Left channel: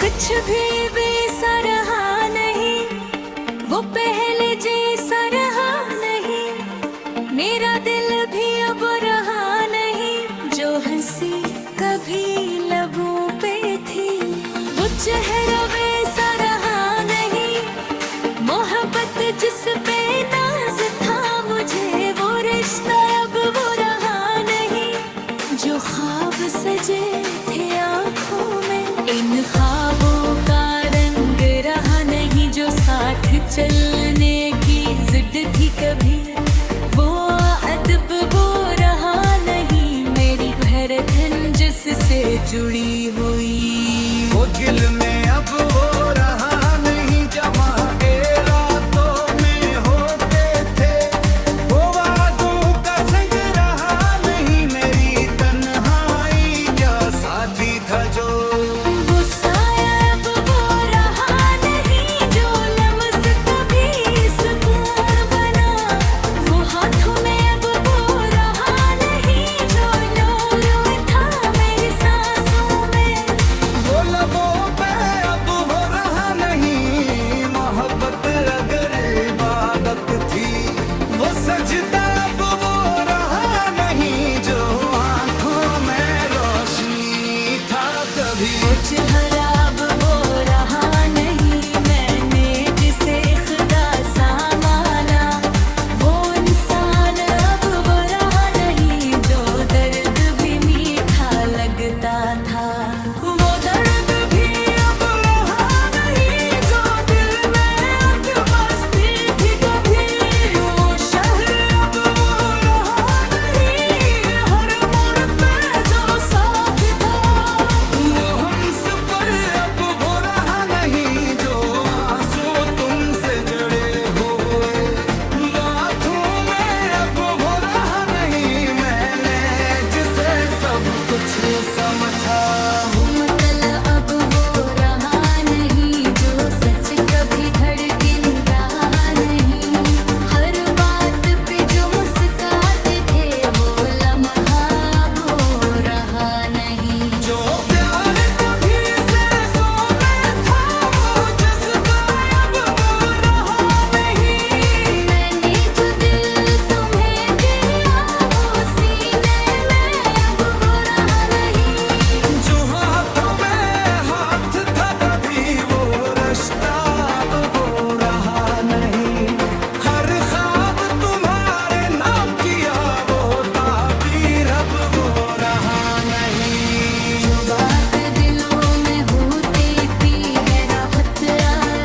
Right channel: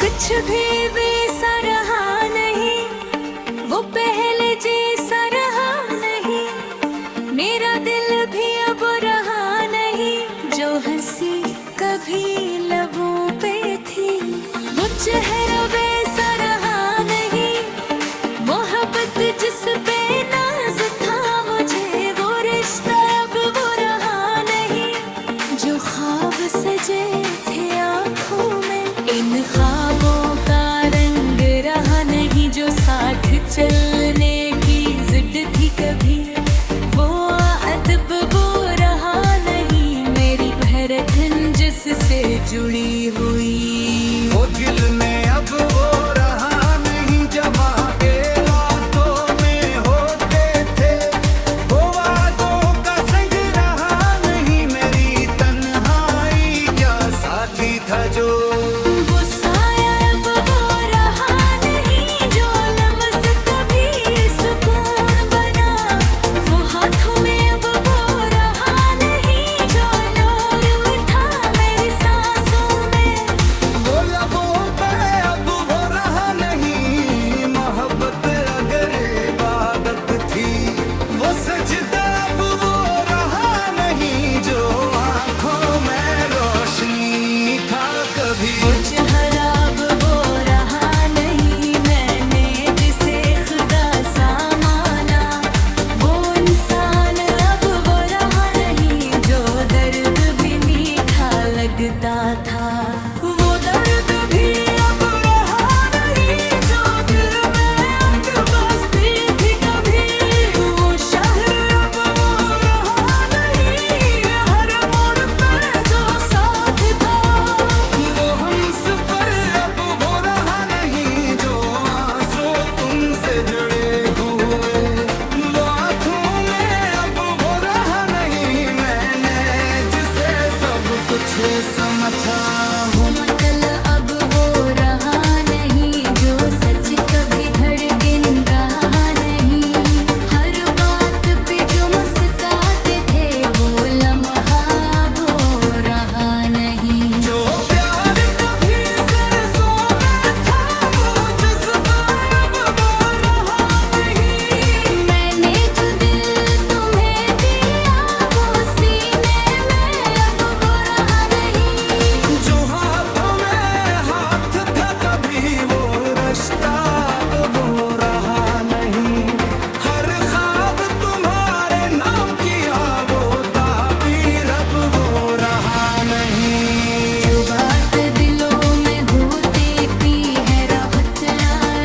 कुछ भी वैसा रहा नहीं, वो पहले जैसा रहा नहीं। मेरा दिल भी अब रहा नहीं, जो हंसी कभी लबों पे थी, वो चेहरा वैसा रहा नहीं। मोहब्बत जिस पे नाज था मुझे, वो रिश्ता अब वो रहा नहीं। जो ख्वाब सजे थे आँखों में, इन ख्वाबों का रंग रहा नहीं। जो साथ चलने की जिद थी कभी, वो अदब वो रहा नहीं। मेरी धड़कन जिससे जुड़ी हुई, वो दिल में अब वो रहा नहीं। जमा के रातों में होते थे, वो वादों का संग रहा नहीं। मेरी तन्हाई का साथी था जो, वो सजदा अब वो रहा नहीं। जो आंखों में रोशनी था कभी, वो चेहरा अब वो रहा नहीं। मैंने जिसे खुदा सा माना, वो इंसान अब वो रहा नहीं। जो दर्द भी मीठा लगता था, वो दर्द भी अब रहा नहीं। जो दिल में अत बसती थी कभी, वो शहर अब वो रहा नहीं। हर मोड़ पे जो साथ था, वो हमसफर अब वो रहा नहीं। जो आंसू तुमसे जुड़े हुए, वो आंखों में अब वो रहा नहीं। मैंने जिसे सब कुछ समझा, वो मतलब अब वो रहा नहीं। जो सच कभी धड़कन रहा नहीं। हर बात पे जो मुस्कुराते थे, वो लम्हा वो रहा नहीं। जो प्यार कभी सरसों में था, वो जज्बा अब वो रहा नहीं। मैंने जो दिल तुम्हें दिया, वो सीने में अब वो रहा नहीं। जो हाथों में हाथ था कभी, वो रिश्ता अब वो रहा नहीं। हर ख्वाब तुम्हारे नाम किया, वो ताबीर अब वो रहा नहीं। जो बात दिलों में होती थी है राहत,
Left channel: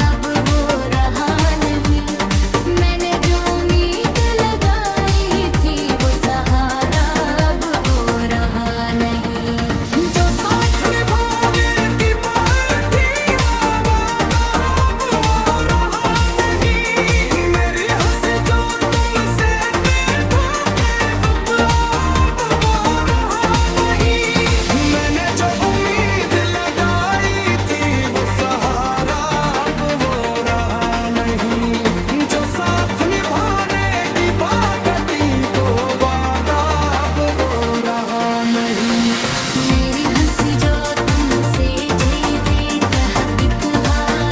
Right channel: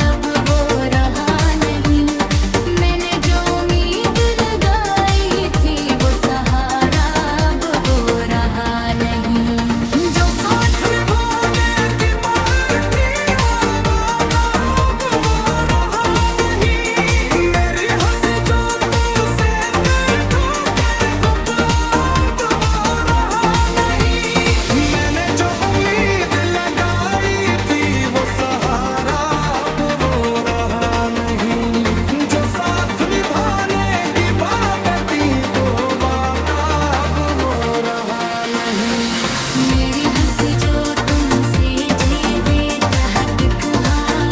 अब वो रहा नहीं। मैंने जो उम्मीद लगाई थी, वो सहारा अब वो रहा नहीं। जो साथ निभाने की बात थी, वो वादा अब वो रहा नहीं। मेरी हंसी जो तुमसे देखो बेवफा, अब वो रहा नहीं। मैंने जो उम्मीद लगाई थी, वो सहारा अब वो रहा नहीं। जो साथ निभाने की बात थी, वो वादा अब वो रहा नहीं। मेरी हंसी जो तुमसे जीते कहा दिखा,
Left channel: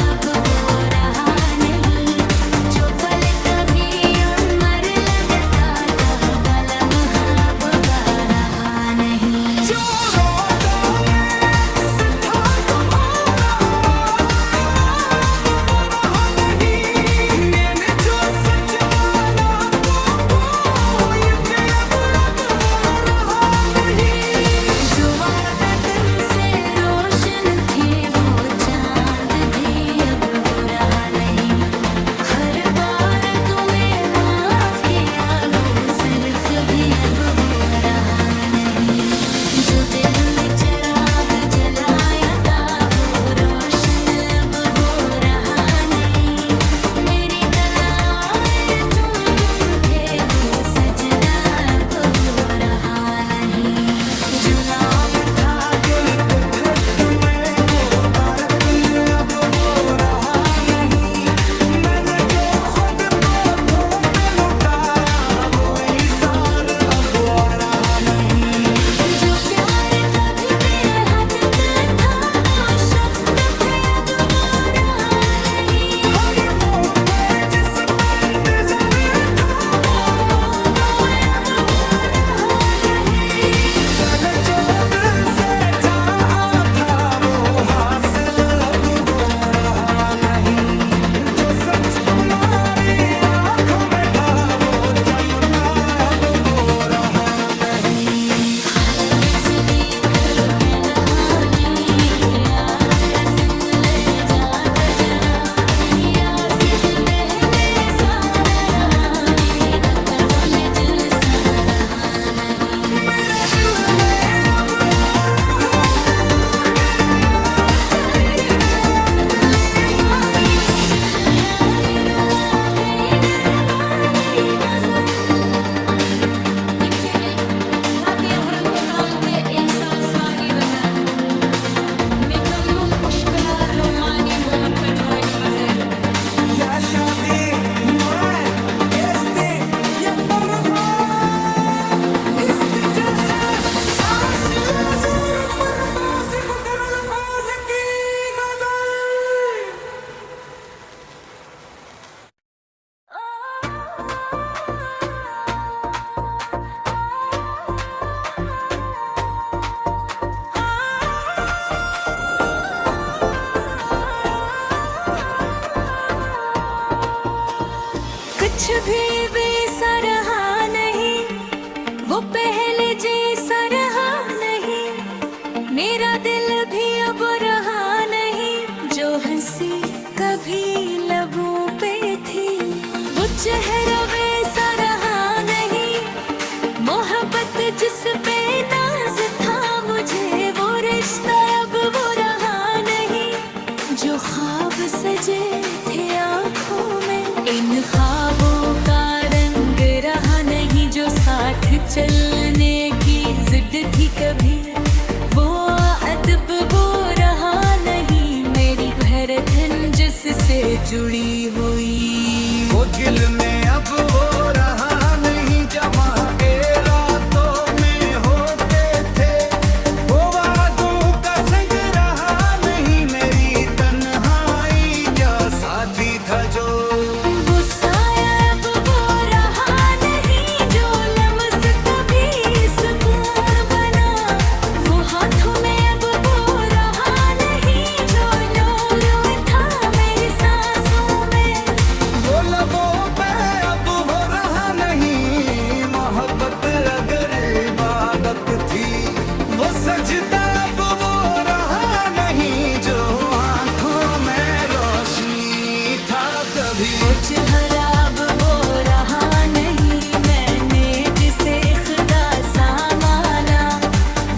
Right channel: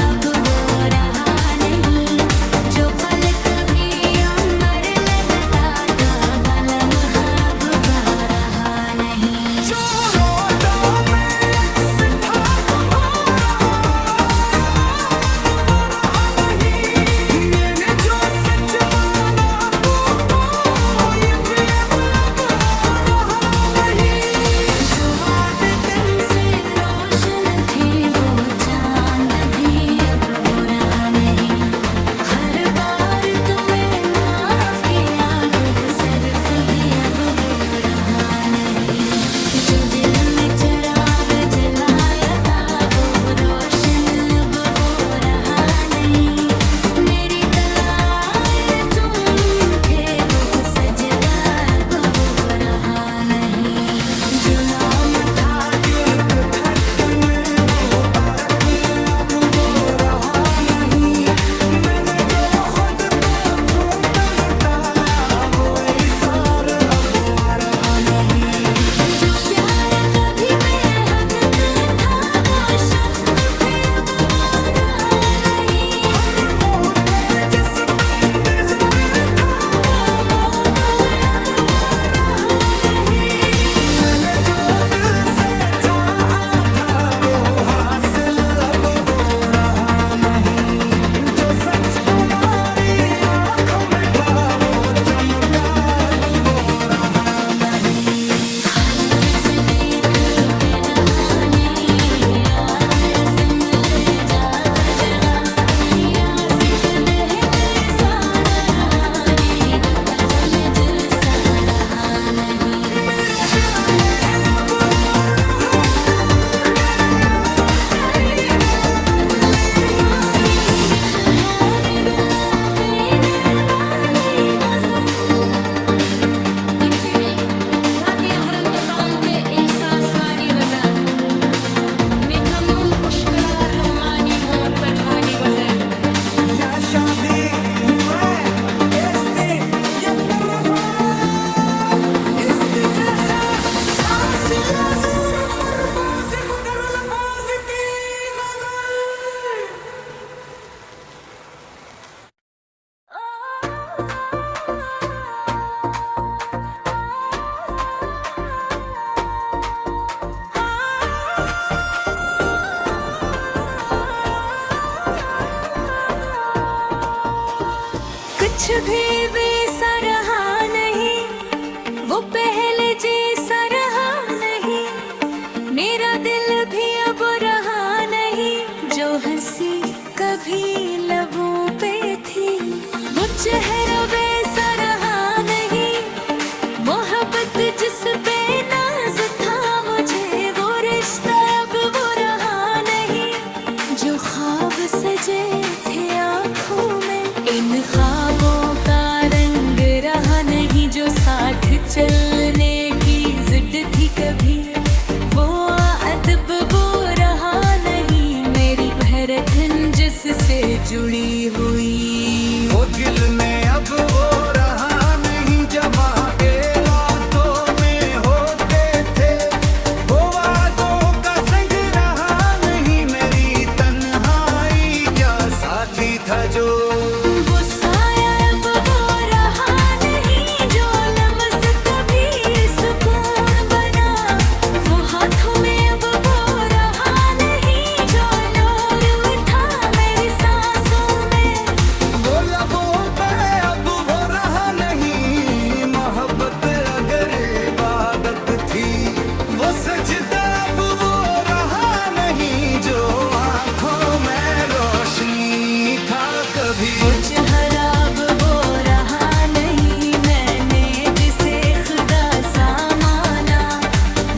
अब वो रहा नहीं। जो पल कभी अमर लगता था, वो लम्हा अब वो रहा नहीं। जो रोदों में अक्स था तुम्हारा, अब वो रहा नहीं। मैंने जो सच माना वो यकीन अब वो रहा नहीं। जो वादे तन से रोशन थे, वो चांद भी अब वो रहा नहीं। हर बार तुम्हें माफ किया, वो सर्फ भी अब वो रहा नहीं। जो दिल में चिराग जलाया था, वो रोशन अब वो रहा नहीं। मेरी तलाएं तुम थे, वो सजदा अब वो रहा नहीं। जो नाम था दिल के धड़कन में, वो तुम्हारी आंखों में था वो चमका, अब वो रहा नहीं। भारत से देख के नहाने यार रस्म ले जा जरा, रियासत देह में सारा रहाने गतर में जैसा रहा नहीं। मेरे दिल में अब वो रहा तेरा चाहिदा गली माई। बितहानी रुला पीने वाली गजल Hati akhran tokante ihsas wani gazal Mikamnum pushkalar lomani momat pathani gazal या शादी मैं एस्ती या परवा इस्ती जैसा आसिया जोर पर बासी पुकर अल्फाज की गजल। कुछ भी वैसा रहा नहीं, वो पहले जैसा रहा नहीं। मेरा दिल भी अब रहा नहीं, जो हंसी कभी लबों पे थी वो चेहरा वैसा रहा नहीं। मोहब्बत जिस पे नाज था मुझे, वो रिश्ता अब वो रहा नहीं। जो ख्वाब सजे थे आँखों में, इन ख्वाबों का रंग रहा नहीं। जो साथ चलने की जिद थी कभी, वो अदब वो रहा नहीं। मेरी धड़कन जिससे जुड़ी हुई, वो दिल में अब वो रहा नहीं। जमा के रातों में होते थे, वो वादों का संग रहा नहीं। मेरी तन्हाई का साथी था जो, वो साया अब वो रहा नहीं। जो लम्स कभी सुकून बना, वो हाथों में अब वो रहा नहीं। जो नूर उठा मेरी सांसों में, वो लबों पे अब वो रहा नहीं। मोहब्बत अगर इबादत थी, वो सजदा अब वो रहा नहीं। जो आंखों में रोशनी था कभी, वो चेहरा अब वो रहा नहीं। मैंने जिसे खुदा सा माना,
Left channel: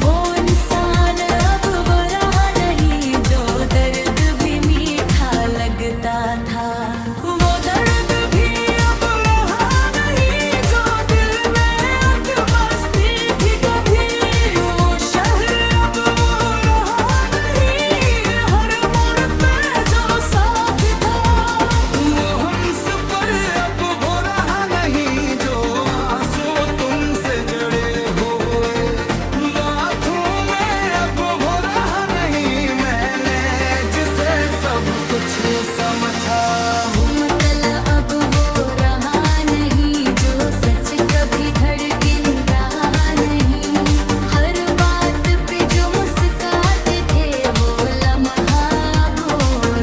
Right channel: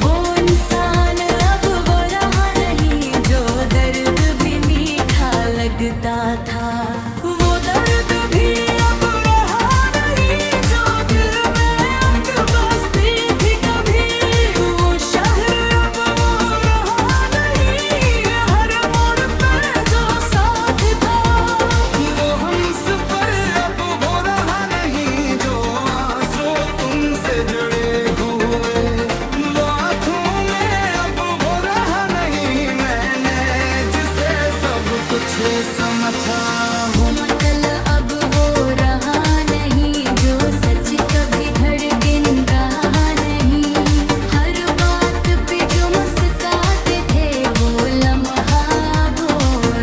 वो इंसान अब वो रहा नहीं। जो दर्द भी मीठा लगता था, वो दर्द भी अब रहा नहीं। जो दिल में अकबस्ती थी कभी, वो शहर अब वो रहा नहीं। हर मोड़ पे जो साथ था, वो हमस पर अब वो रहा नहीं। जो आंसू तुमसे जड़े हुए, वो आंखों में अब वो रहा नहीं। मैंने जिसे सब कुछ समझा, वो मतलब अब वो रहा नहीं। जो सच कभी धड़कन रहा नहीं। हर बात पे जो मुस्कुराते थे, वो लम्हा वो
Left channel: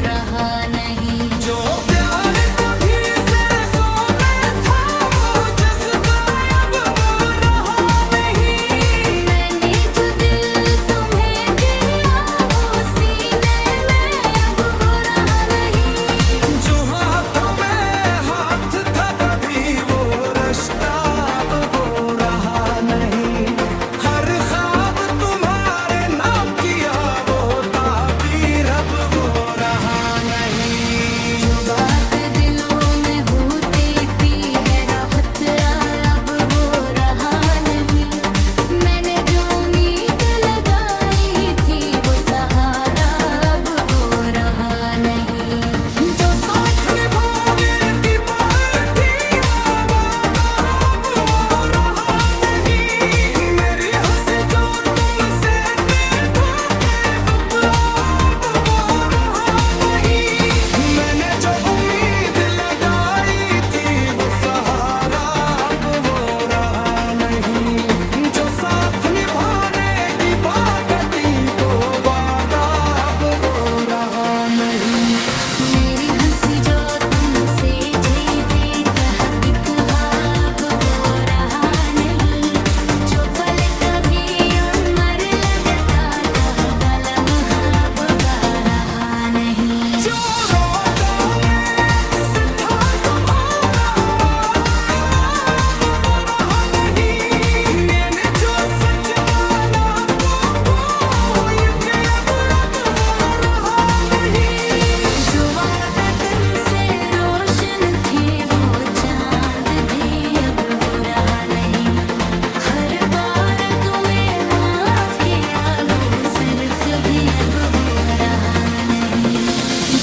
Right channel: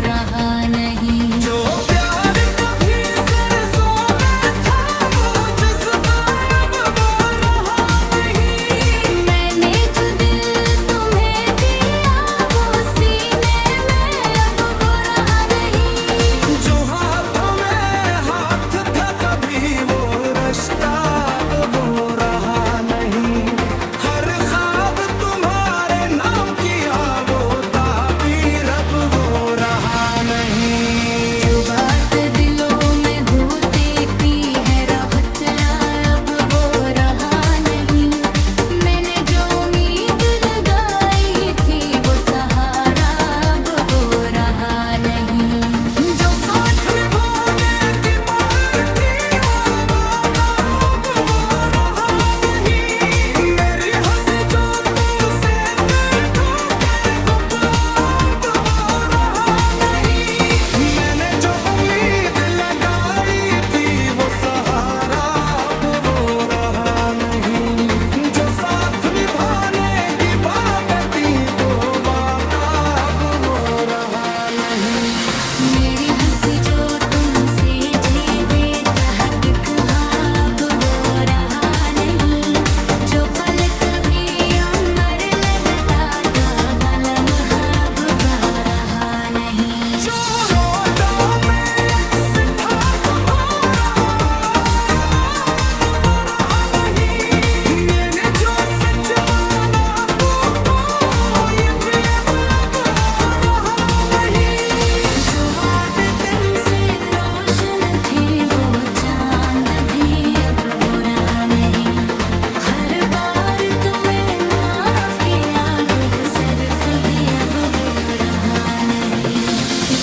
रहा नहीं। जो प्यार कभी सरसों में था, वो जज्बा अब वो रहा नहीं। मैंने जो दिल तुम्हें दिया, वो सीने में अब वो रहा नहीं। जो हाथों में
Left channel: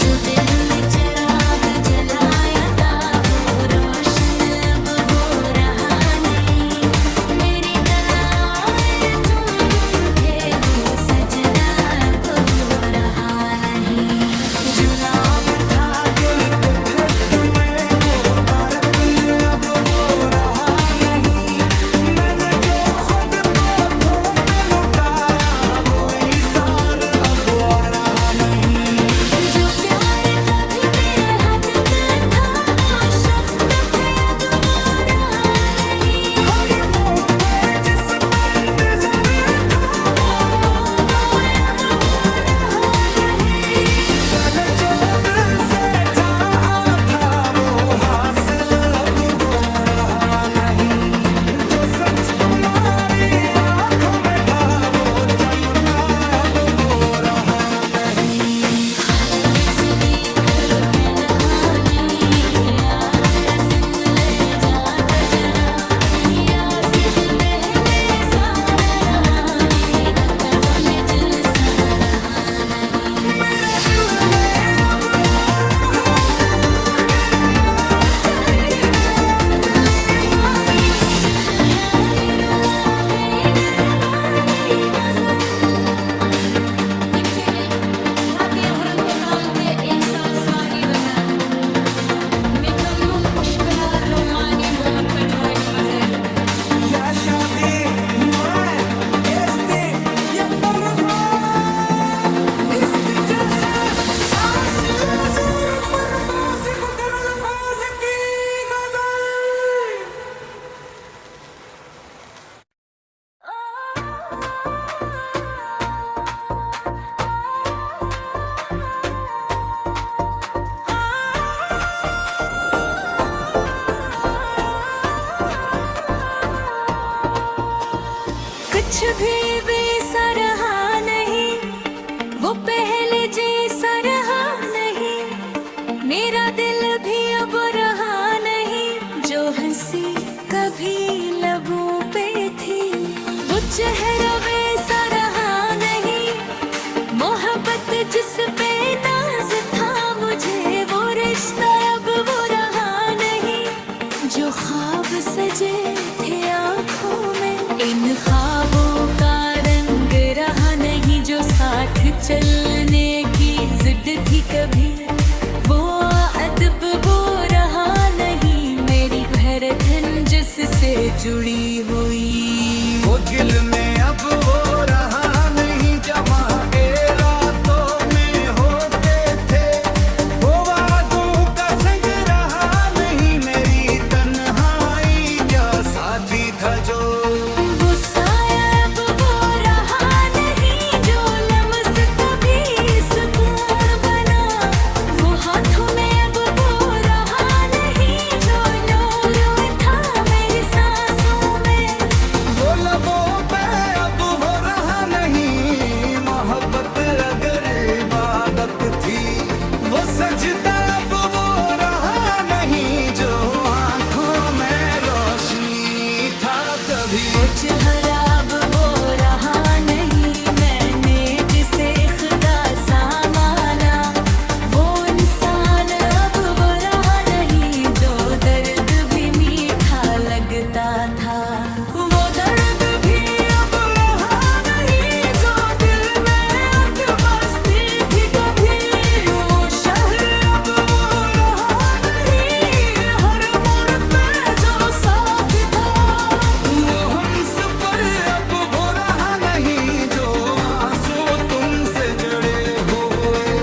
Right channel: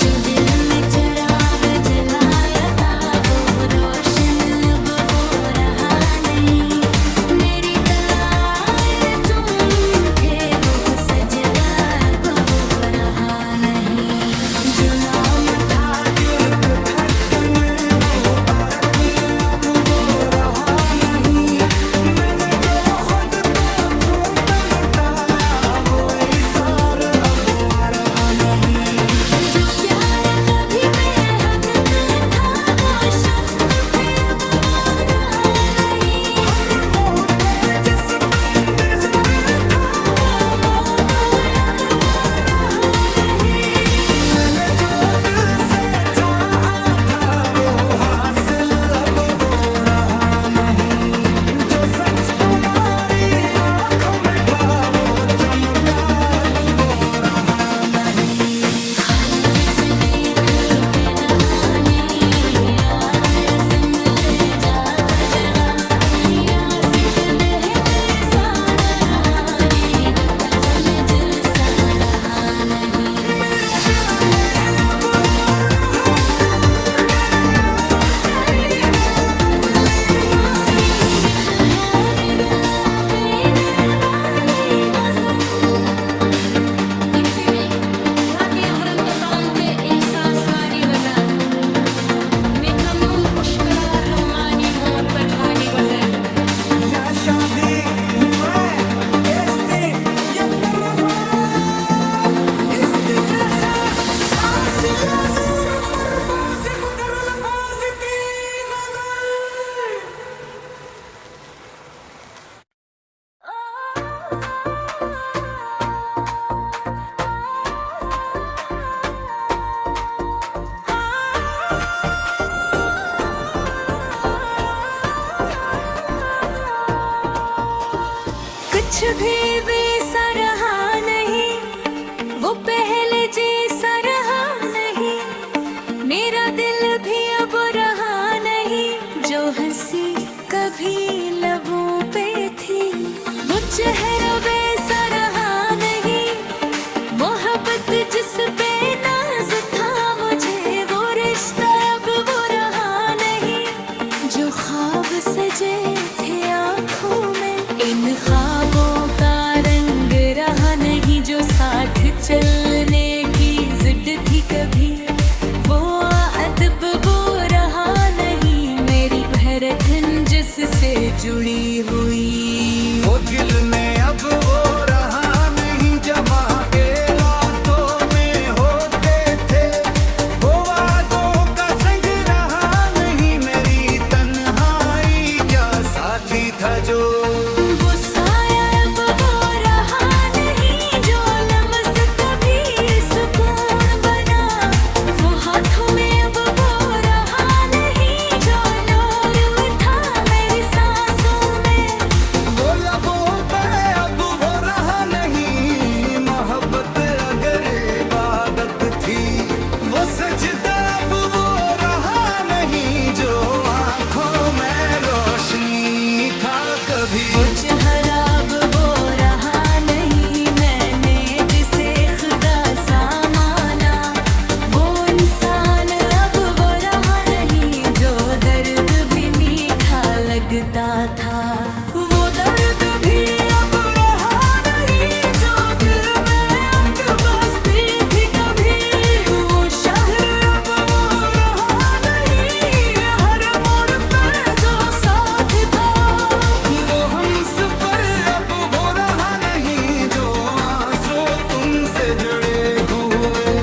जो दिल में चिराग जलाया था वो रोशन अब वो रहा नहीं। मेरी तलाए तुम थे वो सजदा अब वो रहा नहीं। जो नाम था दिल के धड़कने वो तारकने अब वो रहा नहीं। मैंने जो खुद को तुम पे लुटाया वो इसार अब वो आ रहा नहीं। जो प्यार कभी बेहद था वो शब्द पे अब वो रहा नहीं। हर मोड़ पे जिस पे इंतजार था वो अब वो रहा नहीं। मैंने जो दिल से चाहा था वो हासिल अब वो रहा नहीं। जो सच तुम्हारी आंखों में था वो चमका अब वो रहा नहीं। हर से देख के नहाने यार रस्म ले जाता जरा। रियासत देह में सारा रहाने गतर में दिल सा रहा नहीं। मेरा दिल में अब वो रहा दरिया चाहिदा गली मायूं। बितहाने रुला बेने वाली गजल। Hati yang rentukan ek saswani gazal. Mekamnum pushkalar lomani momat pathani gazal. या शादी मैं इस्ती या तरफा इस्ती जैसा आसिया जोर पर बासी को कर अल्फाज की गजल। कुछ भी वैसा रहा नहीं वो पहले जैसा रहा नहीं। मेरा दिल भी अब रहा नहीं। जो हंसी कभी लबों पे थी वो चेहरा वैसा रहा नहीं। मोहब्बत जिस पे नाज था मुझे वो रिश्ता अब वो रहा नहीं। जो ख्वाब सजे थे आँखों में इन ख्वाबों का रंग रहा नहीं। जो साथ चलने की जिद थी कभी वो अदब वो रहा नहीं। मेरी धड़कन जिससे जुड़ी हुई वो दिल में अब वो रहा नहीं। जमा के रातों में होते थे वो वादों का संग रहा नहीं। मेरी तन्हाई का साथी था जो वो साया अब वो रहा नहीं। जो लम्स कभी सुकून बना वो हाथों में अब वो रहा नहीं। जो नूर उठा मेरी सांसों में वो लबों पे अब वो रहा नहीं। मोहब्बत अगर इबादत थी वो सजदा अब वो रहा नहीं। जो आंखों में रोशनी था कभी वो चेहरा अब वो रहा नहीं। मैंने जिसे खुदा सा माना वो इंसान अब वो रहा नहीं। जो दर्द भी मीठा लगता था वो दर्द भी अब रहा नहीं। जो दिल में अट बसती थी कभी वो शहर अब वो रहा नहीं। हर मोड़ पे जो साथ था वो हमसफर अब वो रहा नहीं। जो आंसू तुमसे जुड़े हुए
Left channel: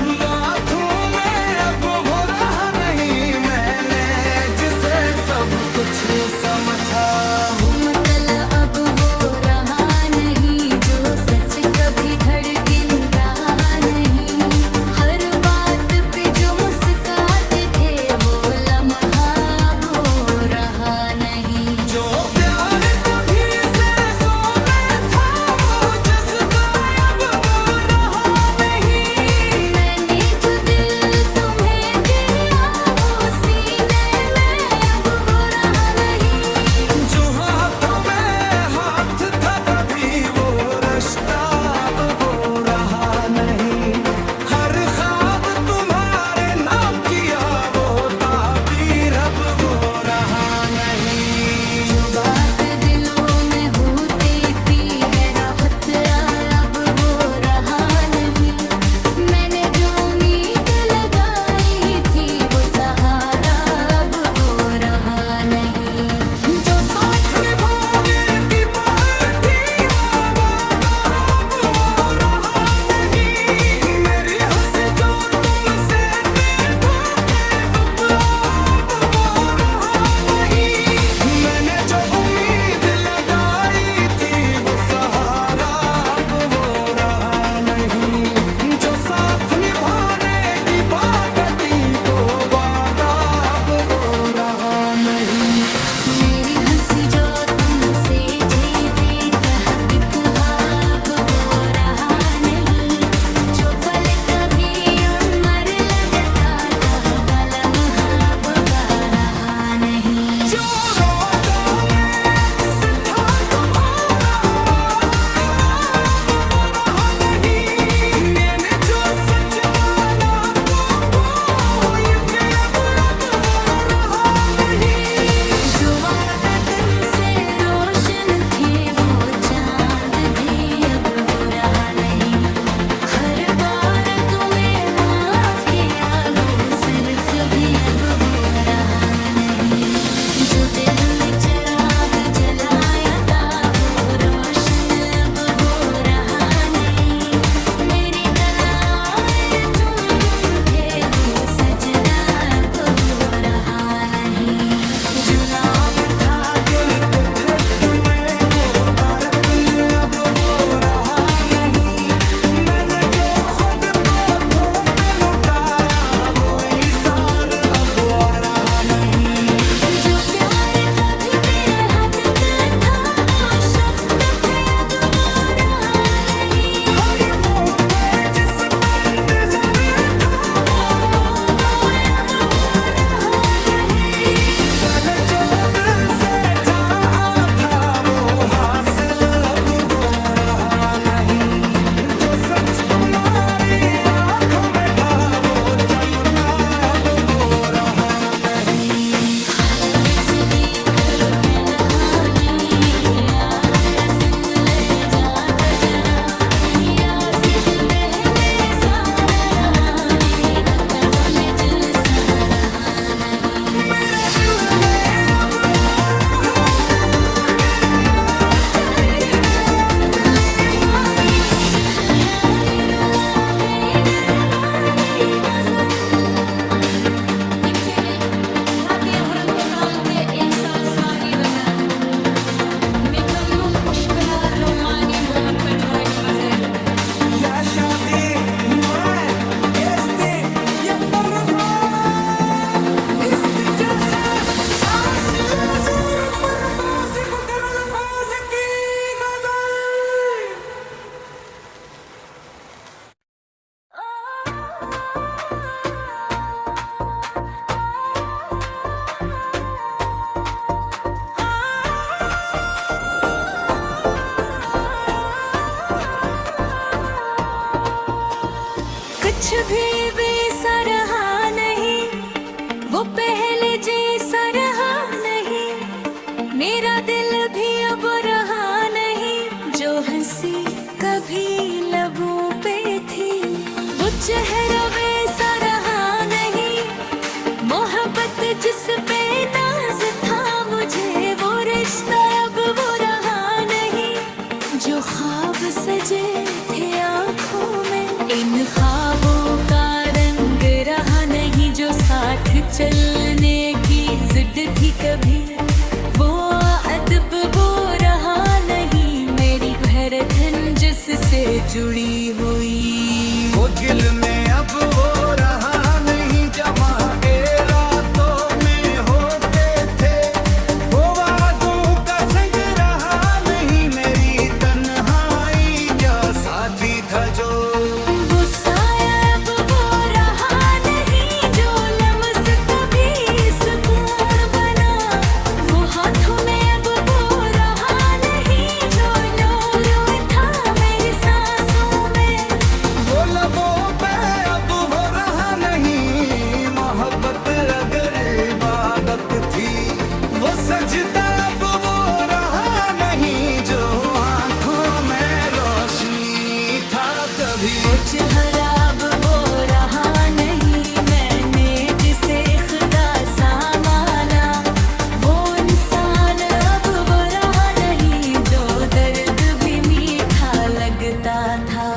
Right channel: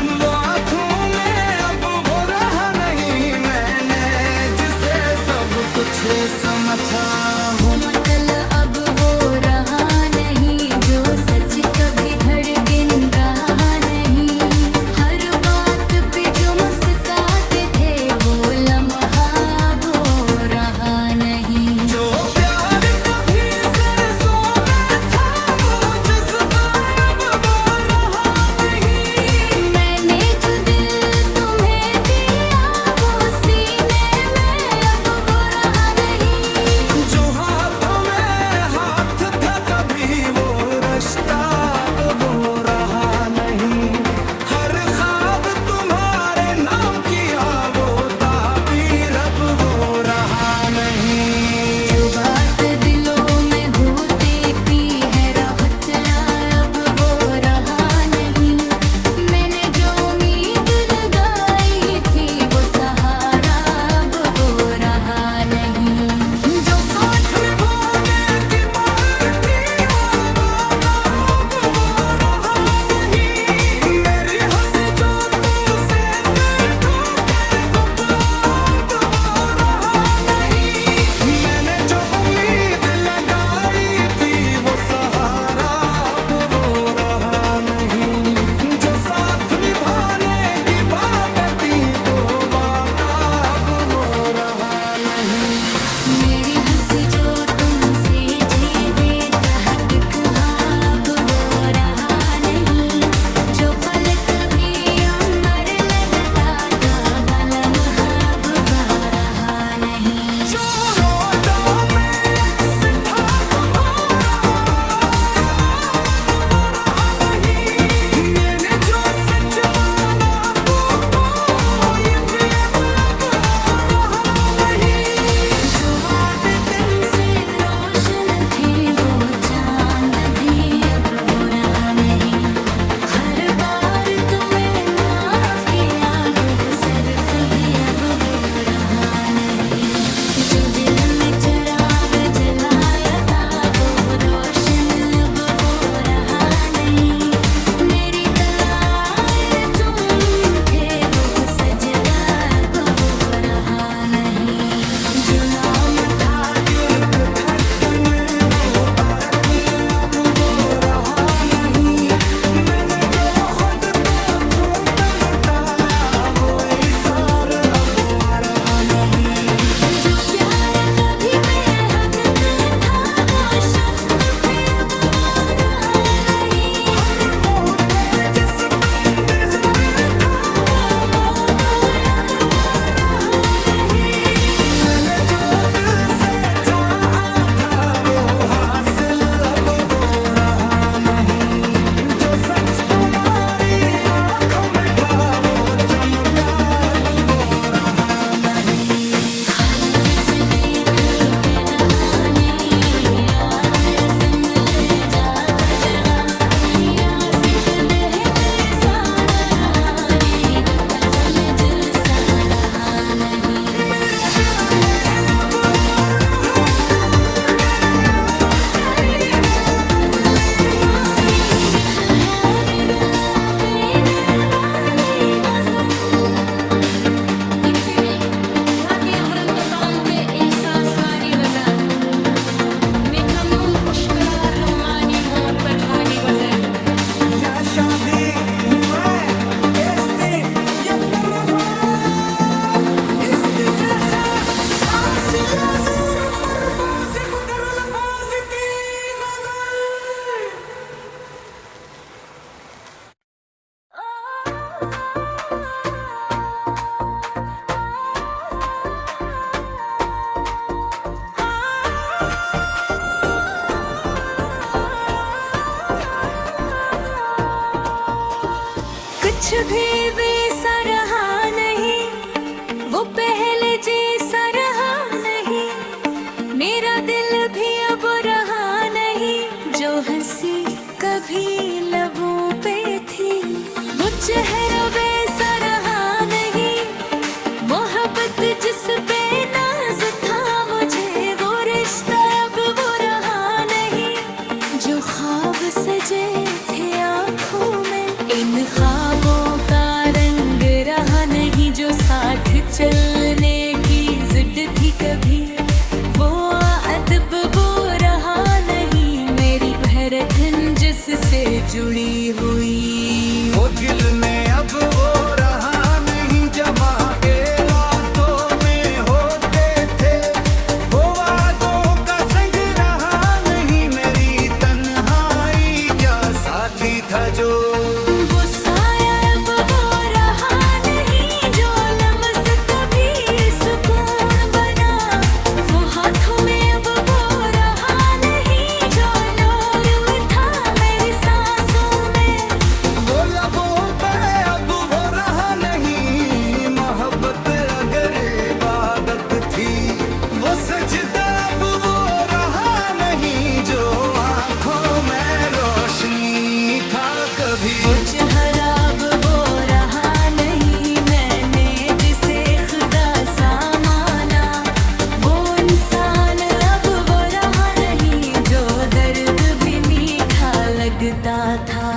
वो आंखों में अब वो रहा नहीं। मैंने जिसे सब कुछ समझा वो मतलब अब वो रहा नहीं। जो सच कभी धड़कन रहा नहीं। हर बात पे जो मुस्कुराते थे वो लम्हा अब वो रहा नहीं। जो प्यार कभी सरसों में था वो जज्बा अब वो रहा नहीं। मैंने जो दिल तुम्हें दिया वो सीने में अब वो रहा नहीं। जो हाथों पे एक सांसवानी गजल Mikrumum pushkalar lomani mohabbet wali ghazal या शादी मैं इस्ती या तरफा इस्ती जैसा आसिया जोर पर बासी पुकर अल्फाज की गजल कुछ भी वैसा रहा नहीं, वो पहले जैसा रहा नहीं, मेरा दिल भी अब रहा नहीं, जो हंसी कभी लबों पे थी, वो चेहरा वैसा रहा नहीं, मोहब्बत जिस पे नाज था मुझे, वो रिश्ता अब वो रहा नहीं, जो ख्वाब सजे थे आँखों में, इन ख्वाबों का रंग रहा नहीं, जो साथ चलने की जिद थी कभी, वो अदब वो रहा नहीं, मेरी धड़कन जिससे जुड़ी हुई, वो दिल में अब वो रहा नहीं, जमा के रातों में होते थे, वो वादों का संग रहा नहीं, मेरी तन्हाई का साथी था जो वो साया अब वो रहा नहीं, जो लम्स कभी सुकून बना, वो हाथों में अब वो रहा नहीं, जो नूर उठा मेरी सांसों में, वो लबों पे अब वो रहा नहीं, मोहब्बत अगर इबादत थी, वो सजदा अब वो रहा नहीं, जो आंखों में रोशनी था कभी, वो चेहरा अब वो रहा नहीं, मैंने जिसे खुदा सा माना, वो इंसान अब वो रहा नहीं, जो दर्द भी मीठा लगता था,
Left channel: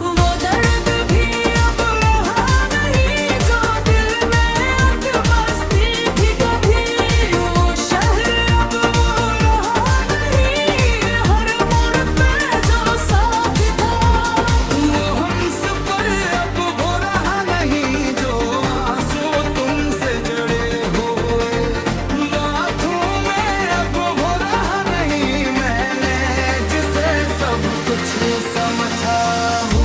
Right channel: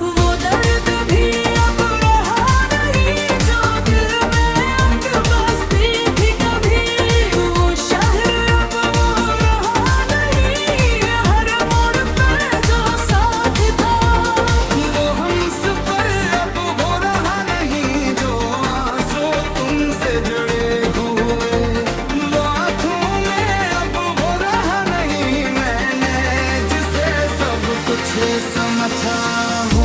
वो दर्द भी अब रहा नहीं, जो दिल में अक बसती थी कभी, वो शहर अब वो रहा नहीं, हर मोड़ पे जो साथ था, वो हमसफर अब वो रहा नहीं, जो आंसू तुमसे जुड़े हुए, वो आंखों में अब वो रहा नहीं, मैंने जिसे सब कुछ समझा, वो